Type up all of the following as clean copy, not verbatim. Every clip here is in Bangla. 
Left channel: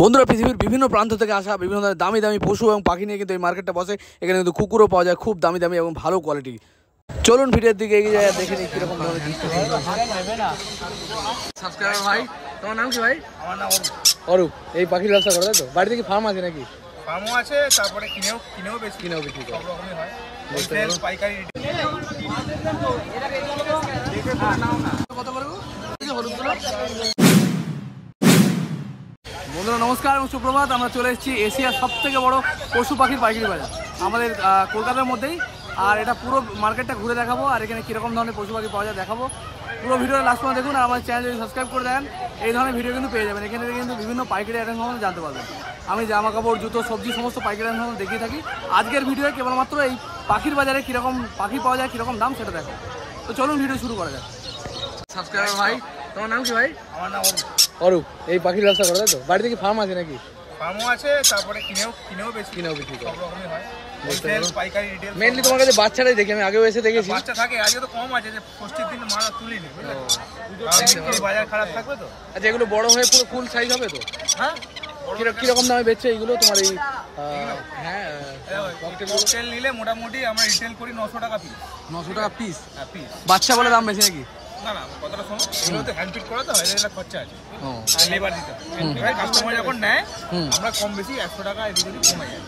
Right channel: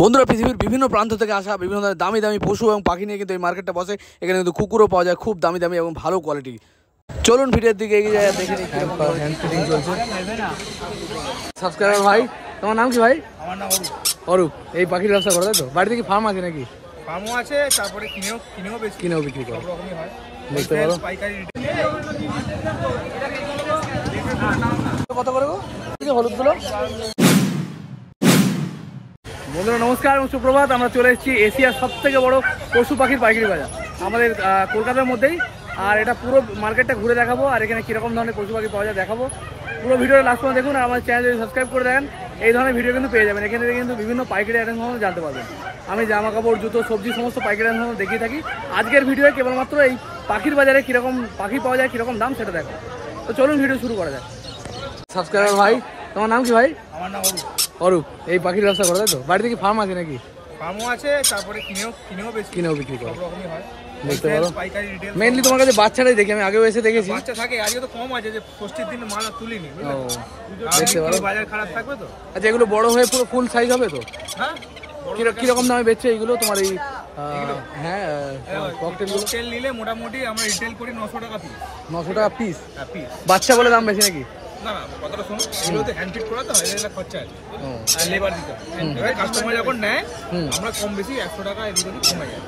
বন্ধুরা পৃথিবীর বিভিন্ন প্রান্ত থেকে আসা বিভিন্ন ধরনের দামি দামি পশু এবং পাখি নিয়ে কিন্তু এই মার্কেটটা বসে। এখানে কিন্তু কুকুরও পাওয়া যায় খুব দামি দামি এবং ভালো কোয়ালিটি। চলুন ভিডিওর দিকে এগিয়ে যায়, দেখে নিই কিরকম সাবস্ক্রাইবার। ভাই তোমার নাম কি? ভাই আমার নাম অরূপ। এই পাখির ব্যবসা করো তো? বাড়িতে কি ফার্ম আছে নাকি? ফার্মও আছে, তারপরে কিনেও বেশি বিক্রি সব রকমই হয়। পাইকারি কত করে গো হলুদগুলো? বন্ধুরা নমস্কার এবং সুপ্রভাত। আমরা চলে এসেছি এশিয়ার সব থেকে বড় পশু পাখির পাইকারি বাজার আমাদের কলকাতার মধ্যেই। আর এটা পুরো মার্কেটটা ঘুরে দেখাবো, আর এখানে কীরকম ধরনের পশু পাখি পাওয়া যায় দেখাবো। পুরো ভিডিওটা লাস্ট পর্যন্ত দেখুন, আর আমার চ্যানেল যদি সাবস্ক্রাইব করে দেন এই ধরনের ভিডিও কিন্তু পেয়ে যাবেন। এখানে কিন্তু বিভিন্ন পাইকারি আইটেম সম্বন্ধে জানতে পারবেন। আমি জামা কাপড়, জুতো, সবজি সমস্ত পাইকারি আইটেম সম্বন্ধে দেখিয়ে থাকি। আজকের ভিডিওয়ে কেবলমাত্র এই পাখির বাজারে কীরকম পাখি পাওয়া যায়, কীরকম দাম সেটা দেখো। তো চলুন ভিডিও শুরু করা যায়। সাবস্ক্রাইবার ভাই তোমার নাম কি? ভাই আমার নাম অরূপ। এই পাখির ব্যবসা করো তো? বাড়িতে কি ফার্ম আছে নাকি? ফার্মও আছে, তারপরে কিনেও বেশি বিক্রি সব রকমই হয়। পাইকারি রিটেল মেইনলি তোমার কাছে বাচ্চাটাই দেখি, আমি আগেও এসে দেখেছি বাচ্চা থাকে। আজকে তো কম আছে, যে ষষ্ঠীর দিন মাল তুলিনি, বুঝলে বাজার খারাপ থাকবে তো। আচ্ছা, এগুলো বড় হয়ে পুরো ফুল সাইজ হবে তো? হ্যাঁ, কিরকম দামে বেচছে এগুলো তোমার? এই এগুলো হ্যাঁ ককটেল নিলে মোটামুটি আমরা রিটেল করি 900 টাকা পিস। 900 টাকা পিস? পিস। বাচ্চা বলে দাম বেশি নাকি? না না, কথাটা শোনো, এগুলোতে হ্যান্ড ফিট করা তো এগুলো খরচা আছে, আর লেবার দিতে হয়। কাস্টমার যখন নেয় আমরা কম বেশি 100 টাকা এদিকে কমে যায়।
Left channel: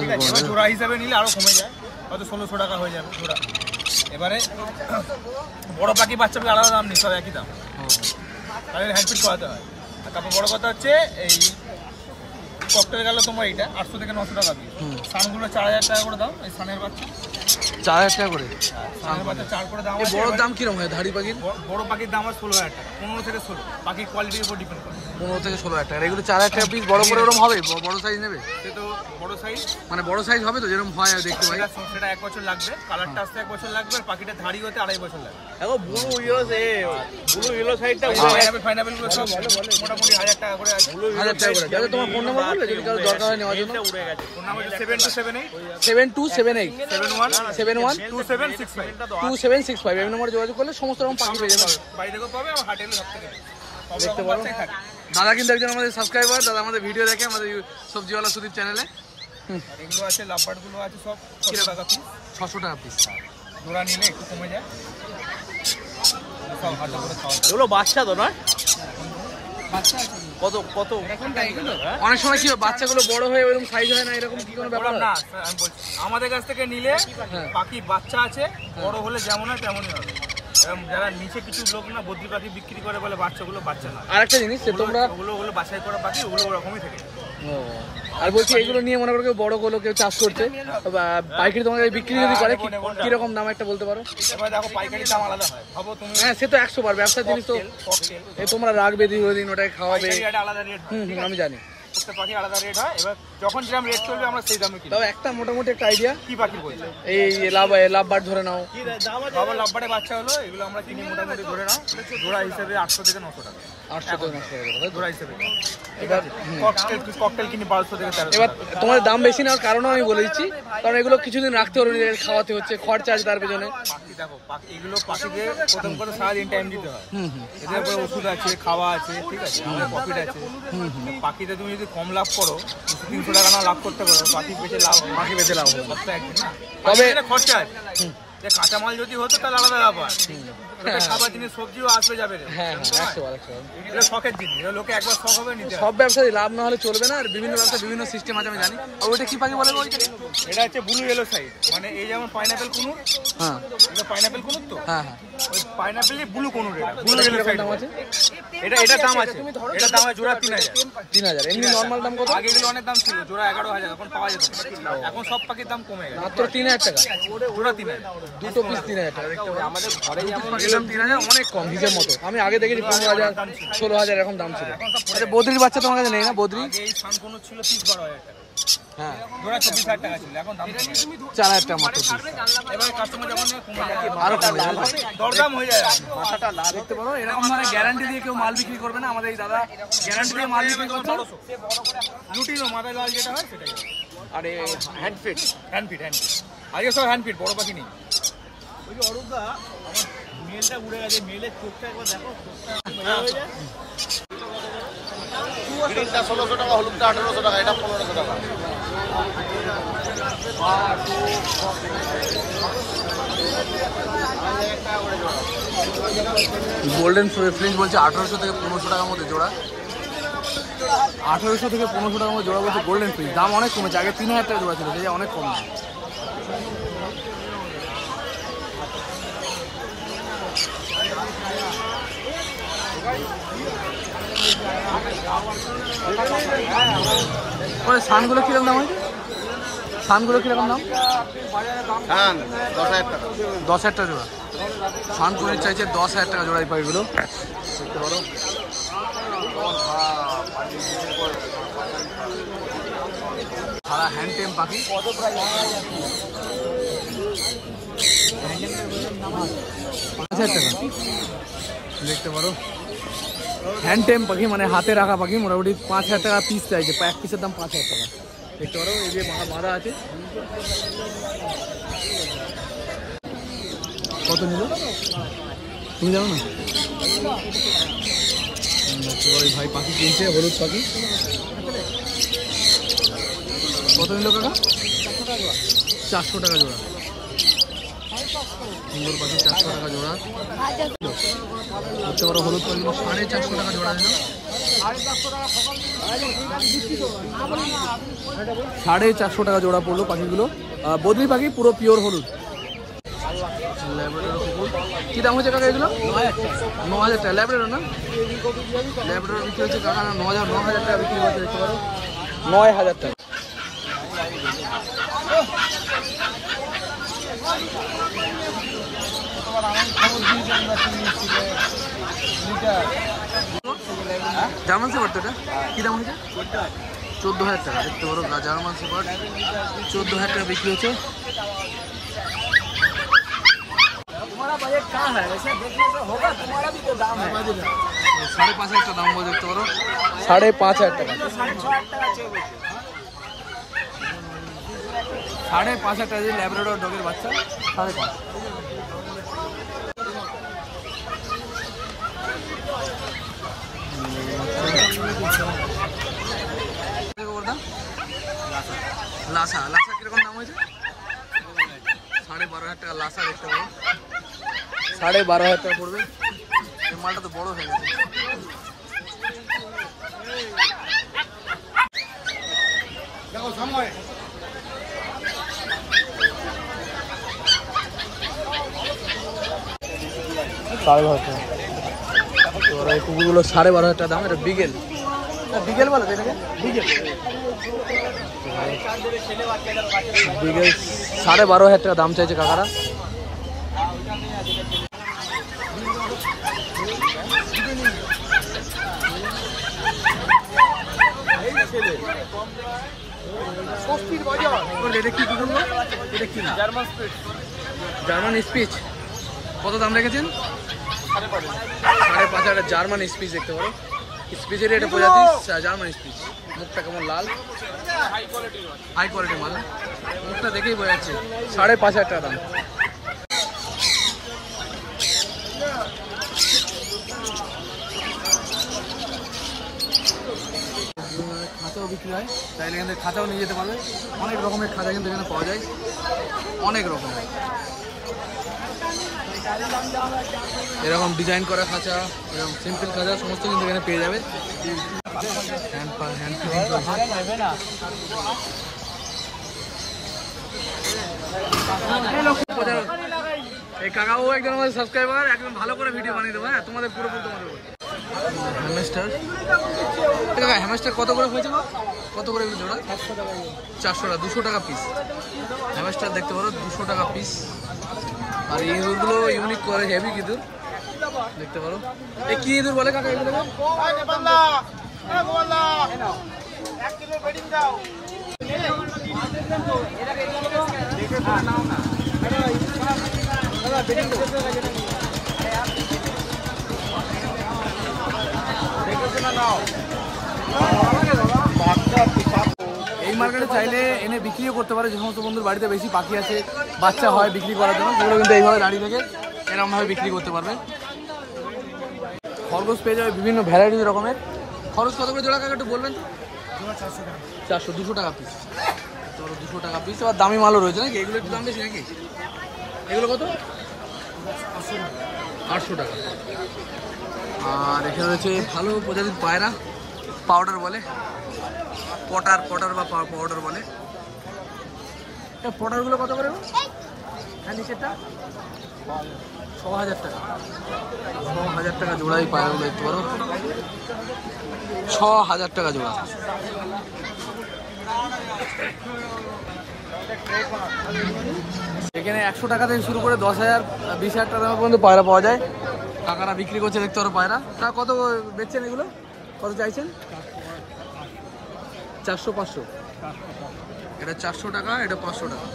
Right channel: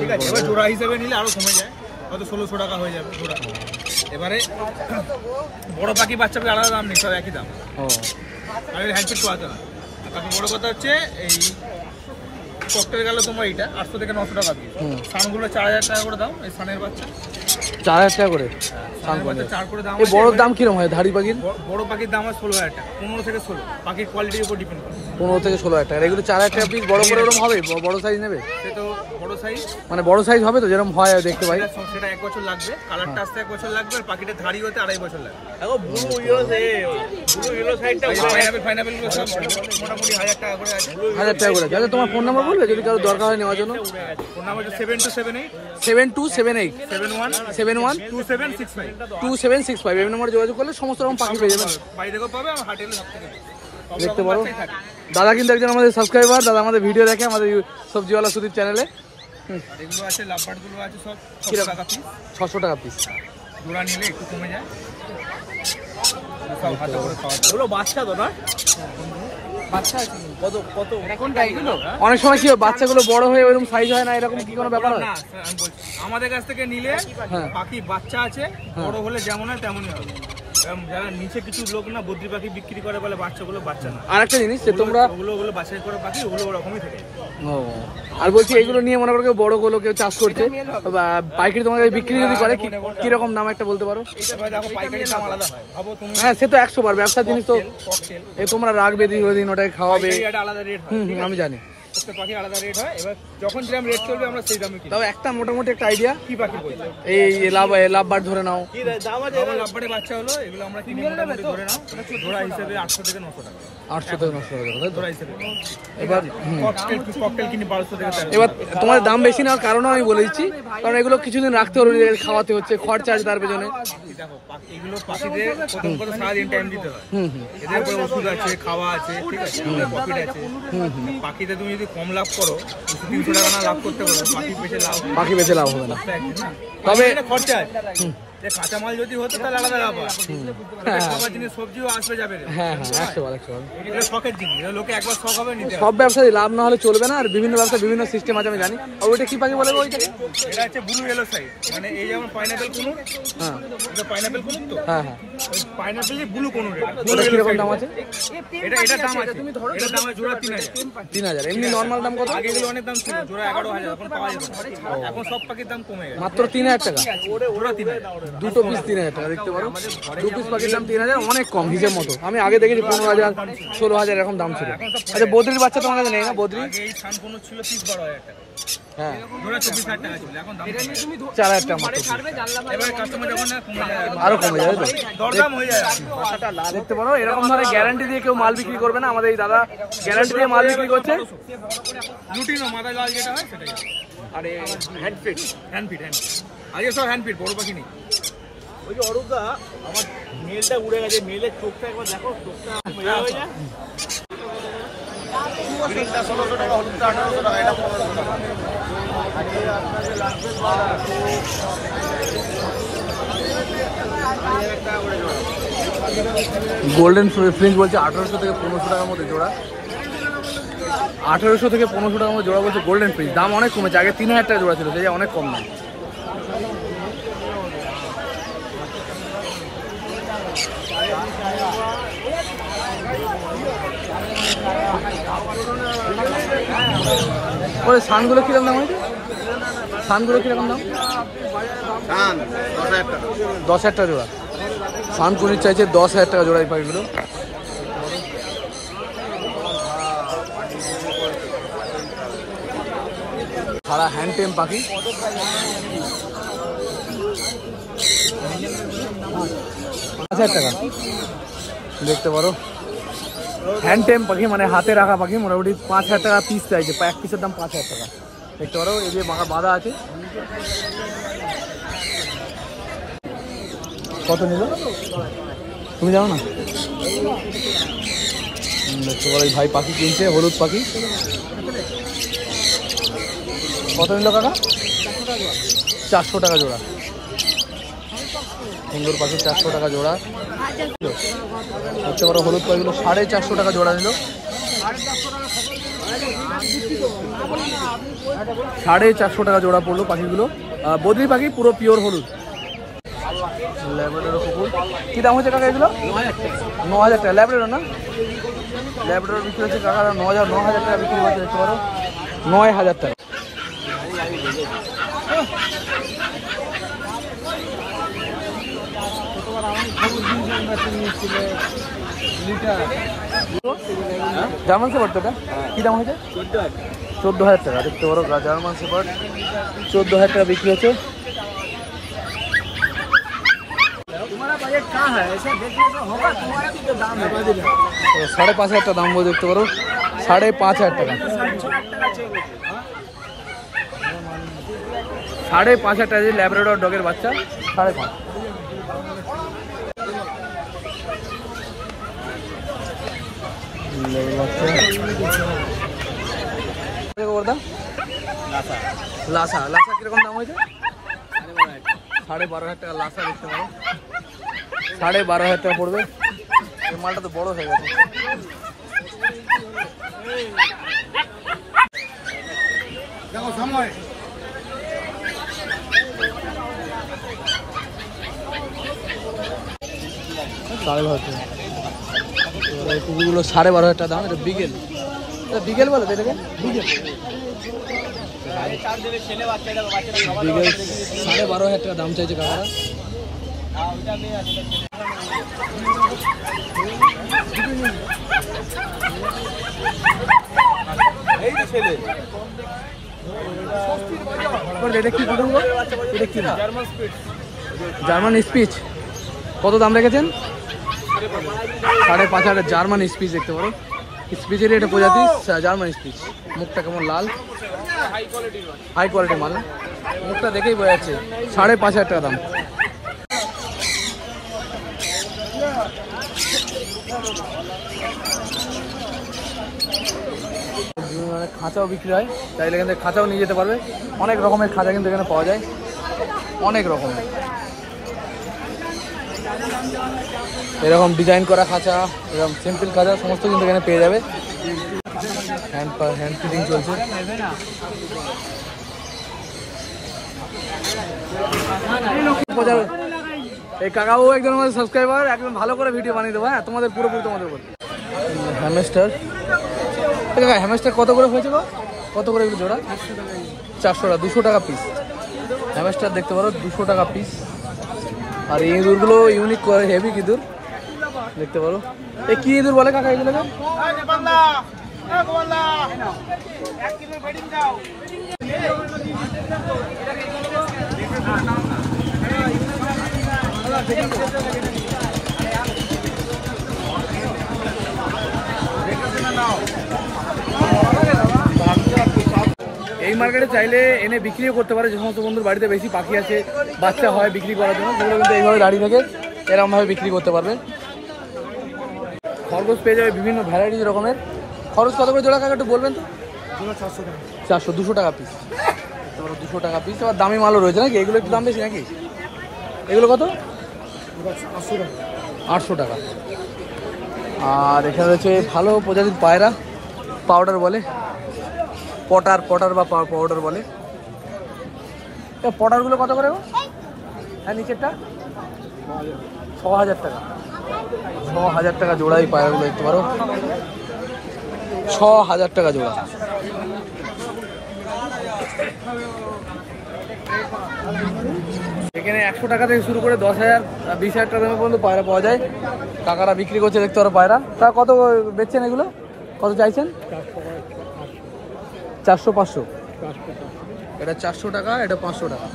ঠিক আছে, এবার জোড়া হিসাবে নিলে আরো কমে যায়, হয়তো 1600 টাকা হয়ে যাবে জোড়া। এবারে বড় পাখি বাচ্চা পাখি আলাদা দাম নেই, সব একই দাম। আর হ্যান্ড ফিট করাতে না। তারপর বড় কথা হচ্ছে এই ককটেল গেল তোমার এইটা 800 থেকে 900 টাকা দিয়ে। সানগুলো 4000 টাকা করে দাম। এই সানের বাচ্চা 4000 টাকা করে? সানের বাচ্চা 4 করে দাম। এই বড় দাম কিরকম হয় ধাড়ি পাখির? বড় পাখির দাম হয় 16000 টাকা, 15 থেকে 16। পাখির কোয়ালিটির উপর ডিপেন্ড করে। 15 থেকে 16,000 টাকা। এগুলো 4000 টাকা পিস। বড় করে ওরকম হবে? বড় সাইজ নেবে? সে তো বড় সাইজ, মানে বড় সাইজ হবে তো যেরকম হয় দেখতে পাই? সেটা 1 বছর লাগবে, কালারটা আসতে 1 বছর লাগবে, আর পাখিটা ধাড়ি হতে 2.5 বছর লাগবে। দেখো ব্লু ইয়েলো সাইডটা পাইনাপেল গুলো সব মোটামুটি 1000 টাকা করে আছে। 1000 টাকা করে। দাদা তোমার ফোন নাম্বার বলবে যদি কারো দরকার হয় নেওয়ার জন্য? Phone number 7278 7278 71 71 2765 2765। এই নম্বরে যোগাযোগ করলে সমস্ত রকম পাখি পেয়ে যাবে। বাইরে থেকেও পাবে, আর হাটেলে সব থেকে দেখতে পারো। দাদা কিন্তু একজন আমাদের সাবস্ক্রাইবার, দাদা আমাদের ভিডিও দেখে আমাদের সবজিওয়ালা সুদীপ চ্যানেলে। এগুলো আছে, লাভবার্ড গুলো আছে সব 600 টাকা পিস। 600 টাকা পিস। জোড়া নিলে একটু কমে যায়। সব হাতে করে খাওয়া যায়। ওগুলো বাচ্চা তো না? বাচ্চা আছে কত কত কোনটা এগুলো? অনেক সময় কি হয় বাচ্চাগুলো বড় হয়ে এরকম সাইজ হয় না, এরকম কি কোনো ব্যাপার? না স্যার, আমি বলছি আমাদের কাছ থেকে নিলে পাখি বাচ্চা আছে, বড় হলে যেমন হয় তেমনই হবে। যারা নিচে কিছু লোক না বদ্রি পাখি বিক্রি করে বলে বাচ্চাগুলো বাচ্চা না। আর একটা জিনিস ওগুলো বাছাই করা পাখি, ওগুলো ওরকমই থেকে যায়। আর বলছি এগুলো নিয়ে মনে করো কেউ বড় গুলো কেউ চাষ করছে পাইকারি তোমাদের বিক্রি যদি করে কিরকম দাম একটা বলতে পারো? দেখো পাইকারি দাম আলাদা হয়, ভাবো তুমি। হ্যাঁ সে তো 100 বার ব্যবসার জিনিস তো। তোমরা রাখবে দিন ওটাই খাওয়াবে, আলাদা রেট হয়। আমি জানি প্রত্যেক পাখি আলাদা রেট হয়। এবার যখন যেরকম রেট চলবে আমরা সেই দামে কিনি। একটা মোটামুটি একটা আইডিয়া কি পাখি বলছে? এই লাভবার ধরে নাও। লাভবারের বাচ্চা হলো, এগুলো আমরা কিনি মোটামুটি ধরে নাও জোড়া হিসেবে 800 থেকে 900 টাকা। 800 থেকে 900 টাকা জোড়া হিসেবে, ঠিক আছে। ককটেল কিনি 1200 থেকে 1300। এবার তোমার দাম বেশি নেওয়ার কারণ আমি বলে দিচ্ছি, কারণ এগুলো কিছুদিন রাখতে হলে খাওয়াতে হচ্ছে, খরচা আছে তার পেছনে। দেখো এগুলো পাখিদের প্রথম করে সারাদিন টাইম দিতে হয়, এদের উপরে ওষুধ আছে, খাওয়া আছে, ঠিক আছে, প্রফিট আছে। পাখিতে তুমি যদি কম লাভ করো, 300 টাকা না লাভ করতে পারো, পাখি বেশি লাভ হবে না। খরচা আছে। কাঁচামাল যদি হতো তাহলে আলাদা ব্যাপার, খাবার জিনিস সবজিও আসবে যাবে, শখের জিনিস। লোকে একবার শখ হবে নিতে। সব ব্যবসায় লাভ না হলে চলবে না, আর বিভিন্ন ব্যবসা বিভিন্ন সিস্টেম আছে আমি জানি। আর ওইটা কি পাখি বলে? ওইটাকে এটা হচ্ছে ব্লু ইয়েলো সাইড, মানে এই যেমন পাইনাপেল কুনুর। হ্যাঁ, এটা পাইনাপেল কুনুর তো। হ্যাঁ, ওই পাইনাপেলই ব্লু কুনুর। ব্লু ইয়েলো সাইড দাম আছে। এটা দাম আছে, এটা দাম আছে জোড়া 3000। আগে এগুলো অনেক দাম ছিল, জোড়া 11000, এখন পাওয়া যেত। এখন সব পাখির দাম কমে গেছে, মাত্র 3000 টাকা জোড়া 3000। দুটো পিস 3000 টাকা। দেখতে পারো দু পিস পাখির দাম 3000, অনেক কম হিসের মতো। আমি আগে দেখেছি 15000 16000 এরকম দাম ছিল। আচ্ছা বদ্রির বাচ্চা তোমার কাছে নেই না? বদ্রি এই সান কোন ছিল 30000 টাকা। হ্যাঁ, জোড়া 24000 টাকা ছিল, এখন দাম 4000 টাকা মাত্র। এবারে কাস্টমার যখন কমে যায় আরো কমে যাবে তো, দরদাম হয়ে যায়। দেখতে পারো এরকম ভাবে গ্যারান্টি দিয়ে কেউ মাল বিক্রি করবে না। আমাদের এই দাদা গ্যারান্টি দিয়ে মাল বিক্রি করছে। লুটিনো মাথা লাল যেটা হয় সেটাই। আরে হ্যান্ড ফিট আগে সব হ্যান্ড ফিট, বড় পাখি নেই। ওই যে অরূপদা আমার মেলটা উড়ে গেছে, মেলের চোখটা একবার দেখো, চোখটা গোল্ডেন ফ্রিঞ্জ বলছে 1800 থেকে 1500 টাকার মধ্যে জোড়া। 1800 থেকে 1500 টাকার মধ্যে জোড়া বলছে গোল্ডেন ফ্রিঞ্জ। দাম অনেক কমেছে, আগে 3000 টাকা জোড়া ছিল, সেই অনেক কম দাম। ওই সানগুলো কিরকম দাম হয়েছে? সানগুলো কিরকম দাম? 10,000 টাকা জোড়া। সান কুনির চাইছে 10,000 টাকা জোড়া এই পাখিগুলো। সারা হ্যান্ড টেম পাখি, টাকা দেখতে পারো। হ্যান্ড টেম পাখি মানে হাতে রাখা পাখি, মোটামুটি 5,000 টাকা পিস চাইছে, এক পিসের দাম 5,000 টাকা দেখতে পারো। এই যে বাঁধা আছে, কত নিল তুমি জানো না? দেখতে পারো এই ভাই পাখি কিনছে, হলুদ পাখি। কত নিল কাকা? 400 টাকা জোড়া। সুন্দর পাখি, 400 টাকা জোড়া। দেখতে পারো হলুদ পাখিগুলো 450 টাকা জোড়া নিল। 450 টাকা জোড়া পড়লো পাখিগুলো। বদ্রি পাখি, পুরো পিওর হলুদ। ল্যাব্রাডর কুকুর কি দাম হচ্ছে কাকা এগুলো? 9,000 টাকা। ল্যাব্রাডর না? ল্যাব্রাডর বিক্রি হচ্ছে কাকা 9,000 টাকা বিক্রি হচ্ছে। দেখতে পারো 9,000 টাকা। জার্মান শেপার্ড তো এটা কি দাম হয়েছে? 14,000 টাকা। দেখতে পারো জার্মান শেপার্ড 14,000 টাকা বিক্রি হচ্ছে। 5,500 টাকা দাম বলে। দেখতে পারো 5,500 টাকা। 5,500 টাকা দিয়ে ল্যাব্রাডর ডগের বাচ্চা 5,500। লাসা লাসা কিরকম দাম হয়েছে? 12,500 টাকা লাসা। দেখতে পারো 12,500 টাকা পড়বে। এই মালটা তো বড় হয়ে গেছে। দেখো সময় এই কুকুরগুলো 12,500 টাকা দাম। এটা বিগেল, বিগেল বলে এটাকে, বিগেল। বিগেল 12,500 টাকা দাম চাইছে কাকারা। এটা কি কুকুর? এটা কি? German speech. কত দাম রেখেছেন? 5,500 জার্মান স্পিচ। দেখতে পারো স্পিচের এটা প্রজাতি জার্মান স্পিচ। মুখটা কেমন লাল, হাই কোয়ালিটি মাল। মুখটা দেখেই বোঝা যাচ্ছে। 5,500 টাকা দাম। খাঁচাও বিক্রি হয়, চাইলে এখান থেকে খাঁচাও নিয়ে যেতে পারবে। অনেক রকমের খাঁচা কিন্তু এখানে পাওয়া যায়, অনেক রকমের। এরকম ডিজাইন করা খাঁচা, এরকম সিম্পল খাঁচা সমস্ত কিন্তু এখানে পেয়ে যাবে। হ্যান্ড ফিটিং চলছে। এই কাকাবু একজন আমাদের সাবস্ক্রাইবার, একজন ভালো করে ভিডিও বানিয়ে দেবো। হ্যাঁ, তোমাদের পুরোপুরি তোমাদের উপর। হ্যামস্টার, কাকা হ্যামস্টার কত করে হয়েছে গো? কত করে এগুলো জোড়া? 400 টাকা। 200 টাকা পিস হ্যামস্টার। দেখতে পারো 200 টাকা পিস। আর এই ইঁদুরগুলো ইউনিক করে, হেভি ইঁদুর। দেখতে পারো এই কি ইঁদুর বলে কাকা এগুলো? এই মার্কেটে চাইলে এনে বিক্রিও করতে পারে। যে সমস্ত বন্ধুর বাড়িতে বেশি পাখি আছে, বাচ্চা হয় বিক্রি করার জন্য, সেগুলো কিন্তু এইভাবে দাঁড়িয়ে থেকে এরকমভাবে বিক্রি করতে পারবে। খরগোশ পেয়ে যাবে বিভিন্ন ভ্যারাইটি রকমের খরচ কত করে জোড়া কাকা একটু বলবেন তো? 400 200 টাকা পিস। 200 টাকা পিস। এবার দামি মালও রয়েছে নাকি? এগুলো একটু দাম বেশি নাকি? এগুলো কত? 800 টাকা। আর এখানে রয়েছে ভালো প্রজাতির পায়রা, পাউডার বলে, পটার বা পাউডার বলে। পটারগুলো কত করে? হ্যাঁ নিচেরটা 6000 টাকা। 6000 টাকা জোড়া এই পায়রাগুলো দেখতে পারো, 6000 টাকা জোড়া। এখানে 100 টাকা থেকে শুরু করে 10,000 20,000 টাকা পর্যন্ত পায়রা পাওয়া যায়। কাকারা বিক্রি করছে দেখতে পারো পায়রা। তা কত বেচছেন এগুলো? কত চাইছেন? 400 500। এটা 400 টাকা, এটা 500 টাকা।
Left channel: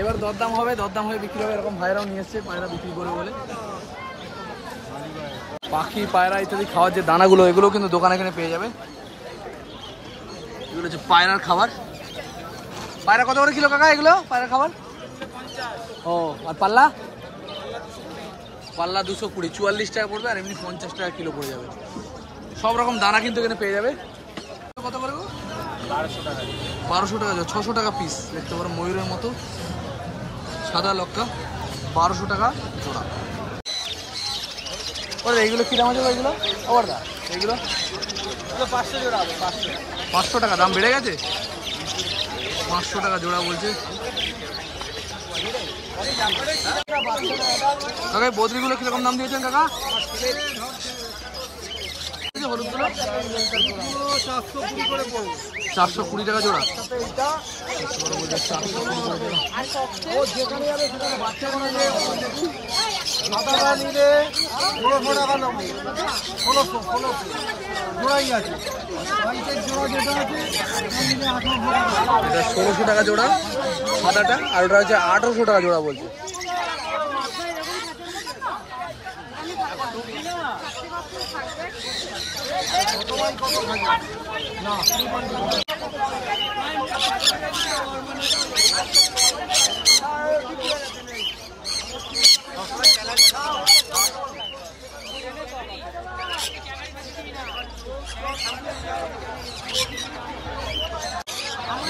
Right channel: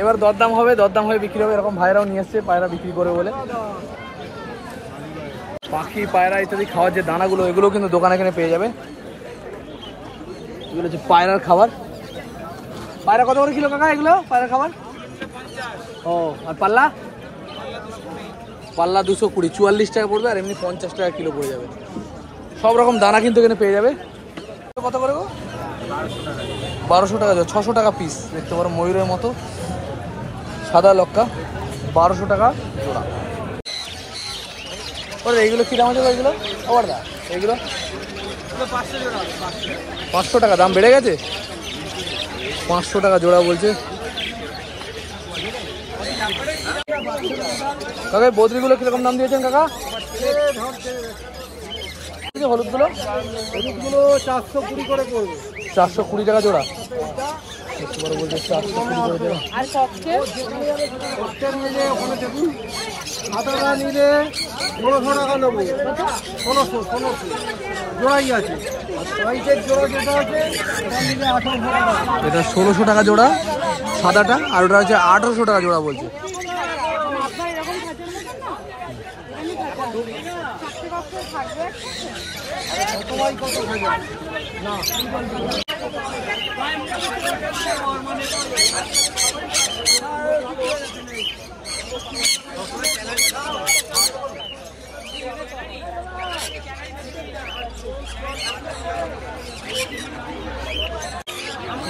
এবার দরদাম হবে, দরদাম হয়ে বিক্রি হবে। এরকম ভাইরাও নিয়ে এসছে পায়রা বিক্রি করে বলে। পাখি, পায়রা ইত্যাদি খাওয়ার যে দানাগুলো, এগুলো কিন্তু দোকানে এখানে পেয়ে যাবে। এগুলো হচ্ছে পায়রার খাবার। পায়রা কত করে কিলো কাকা এগুলো পায়রার খাবার? ও আর পাল্লা? পাল্লা 220, 44 টাকা পড়বে। আর এমনি 50 টাকা কিলো পড়ে যাবে। সব রকম দানা কিন্তু এখানে পেয়ে যাবে। কত করে গো? 1200 টাকা, 600 টাকা পিস। দেখতে পারো ময়ূরের মতো সাদা লক্কা, 1200 টাকা জোড়া। ওরে এইগুলো কি দাম আছে এগুলো? ওর দা এইগুলো 500 টাকা। দাম বেড়ে গেছে? 500 টাকা জোড়া বলছে কাকা। বদ্রিগুলো কিরকম দাম দিয়েছেন কাকা? হলুদগুলো 420 করে পড়বে। 420 টাকা জোড়া। দেখতে পারো বলছে 420 করে জোড়া। সাদাটা নিলে 1600 টাকা নেবো। 1600 জোড়াই আছে। জোড়া যেটা আছে নিলে 1800 টাকা। এটা 1600 টাকা জোড়া সাদাটা, আর ওটা হচ্ছে 1800 টাকা জোড়া বলছে।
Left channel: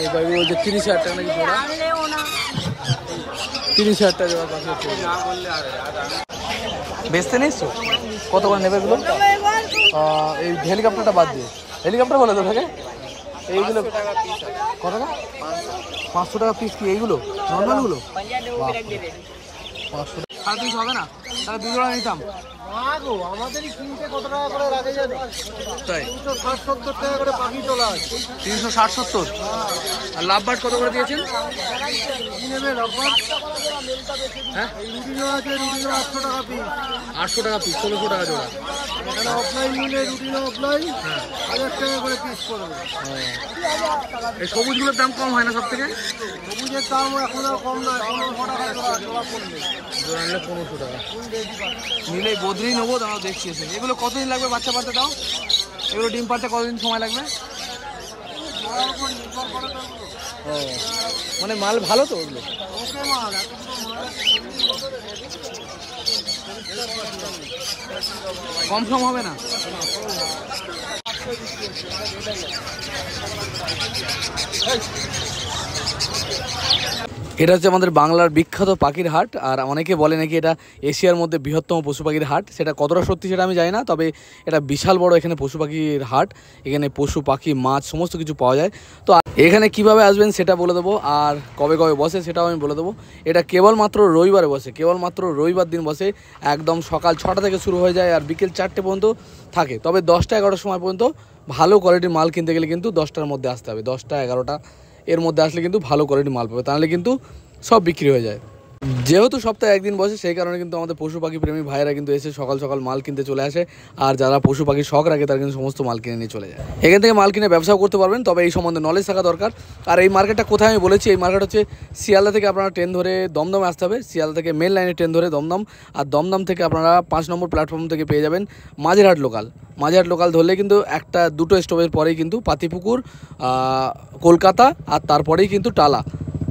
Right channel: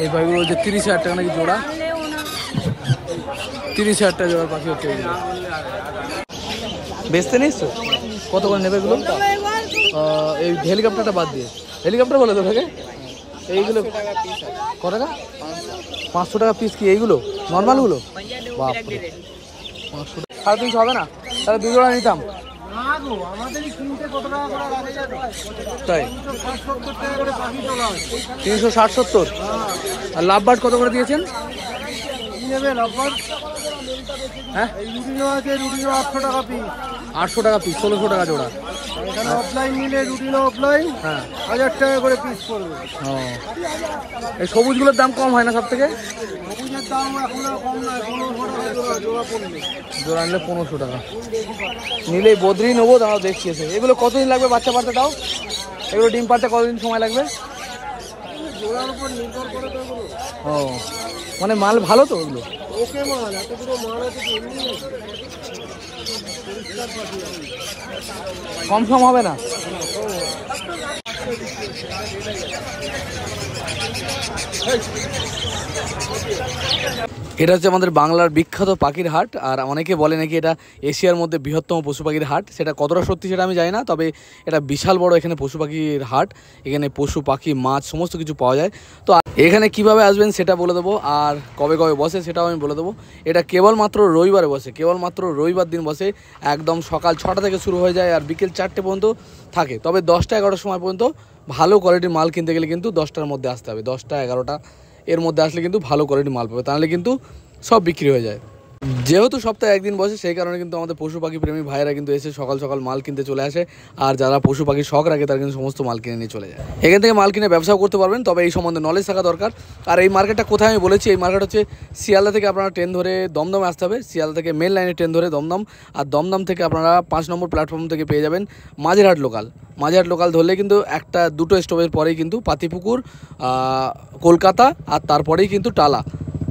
এই ভাইগুলো হচ্ছে 30,000 টাকা নাকি জোড়া। 30,000 টাকা জোড়া পাশে হচ্ছে। বেচতে নিচ্ছ? কত করে নেবে এগুলো? এই হেলিকপ্টারটা বাদ দিয়ে, হেলিকপ্টার বলে তো থাকে এইগুলো কত টাকা? 500 টাকা পিস। কি এইগুলো নর্মালগুলো? 500, 350 হবে না? তাহলে 2 জোড়া নিতাম। তাই 360-70। আর লাভ বার্ড কত করে দিয়েছেন? কি নেবে লাভবার্ড? হ্যাঁ এই রুটিনও আছে, রুটিনও 800 টাকা পিস। 800 টাকা পিস, 1600 টাকা জোড়া। এখানে অফলাইন নিলে রুটিনও অফলাইন হ্যাঁ 1000 টাকা করে পিস পড়বে। এই সবুজগুলোর দাম কম হয় না সব থেকে? সবুজের দাম এখন আর কম নয়, 1500 টাকা জোড়া। জোড়া পড়বে, জোড়া নিলে 1500 টাকা। নিলেই বদ্রি নেবো। দাঁড়াও দেখছি এসে। এগুলো কতদিন লাগবে বাচ্চা পারতে? দাও এগুলো ডিম পারতে কতদিন সময় লাগবে? জোড়ার উপর নির্ভর করে তো এগুলো। ও মানে মাল ভালো তো ওগুলো? ওকে মাল, এত দুটো মাল আছে কি এমনি আছে? পরিষ্কার পাখি আছে, কম সম হবে না? এটা হচ্ছে আমাদের বাংলার বিখ্যাত পাখির হাট। আর অনেকে বলে নাকি এটা এশিয়ার মধ্যে বৃহত্তম পশু পাখির হাট। সেটা কতটা সত্যি সেটা আমি জানি না, তবে এটা বিশাল বড় এখানে পশু পাখির হাট। এখানে পশু পাখি মাছ সমস্ত কিছু পাওয়া যায়। তো এখানে কিভাবে আসবেন সেটা বলে দেবো, আর কবে কবে বসে সেটাও আমি বলে দেবো। এটা কেবলমাত্র রবিবারে বসে, কেবলমাত্র রবিবার দিন বসে। একদম সকাল 6টা থেকে শুরু হয়ে যায় আর বিকেল 4টে পর্যন্ত থাকে। তবে 10টা 11টার সময় পর্যন্ত ভালো কোয়ালিটির মাল কিনতে গেলে কিন্তু 10টার মধ্যে আসতে হবে। 10টা 11টা এর মধ্যে আসলে কিন্তু ভালো কোয়ালিটির মাল পাবে, তাহলে কিন্তু সব বিক্রি হয়ে যায়। যেহেতু সপ্তাহে একদিন বসে সেই কারণে কিন্তু আমাদের পশু পাখি প্রেমী ভাইয়েরা কিন্তু এসে সকাল সকাল মাল কিনতে চলে আসে। আর যারা পশু পাখির শখ রাখে তারা কিন্তু সমস্ত মাল কিনে নিয়ে চলে যায়। এখান থেকে মাল কিনে ব্যবসাও করতে পারবেন, তবে এই সম্বন্ধে নলেজ থাকা দরকার। আর এই মার্কেটটা কোথায় আমি বলেছি, এই মার্কেট হচ্ছে শিয়ালদা থেকে আপনারা ট্রেন ধরে দমদমে আসতে হবে। শিয়ালদা থেকে মেন লাইনে ট্রেন ধরে দমদম, আর দমদম থেকে আপনারা 5 নম্বর প্ল্যাটফর্ম থেকে পেয়ে যাবেন মাঝেরহাট লোকাল। মাঝেরহাট লোকাল ধরলে কিন্তু 1-2 স্টপের পরেই কিন্তু পাতিপুকুর, কলকাতা, আর তারপরেই কিন্তু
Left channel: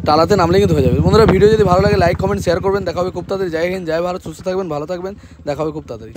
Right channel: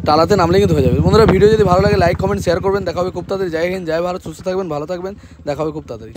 টালাতে নামলে কিন্তু হয়ে যাবে। বন্ধুরা ভিডিও যদি ভালো লাগে লাইক কমেন্ট শেয়ার করবেন। দেখা হবে খুব তাড়াতাড়ি। জয় হিন্দ, জয় ভারত, সুস্থ থাকবেন, ভালো থাকবেন। দেখা হবে খুব তাড়াতাড়ি।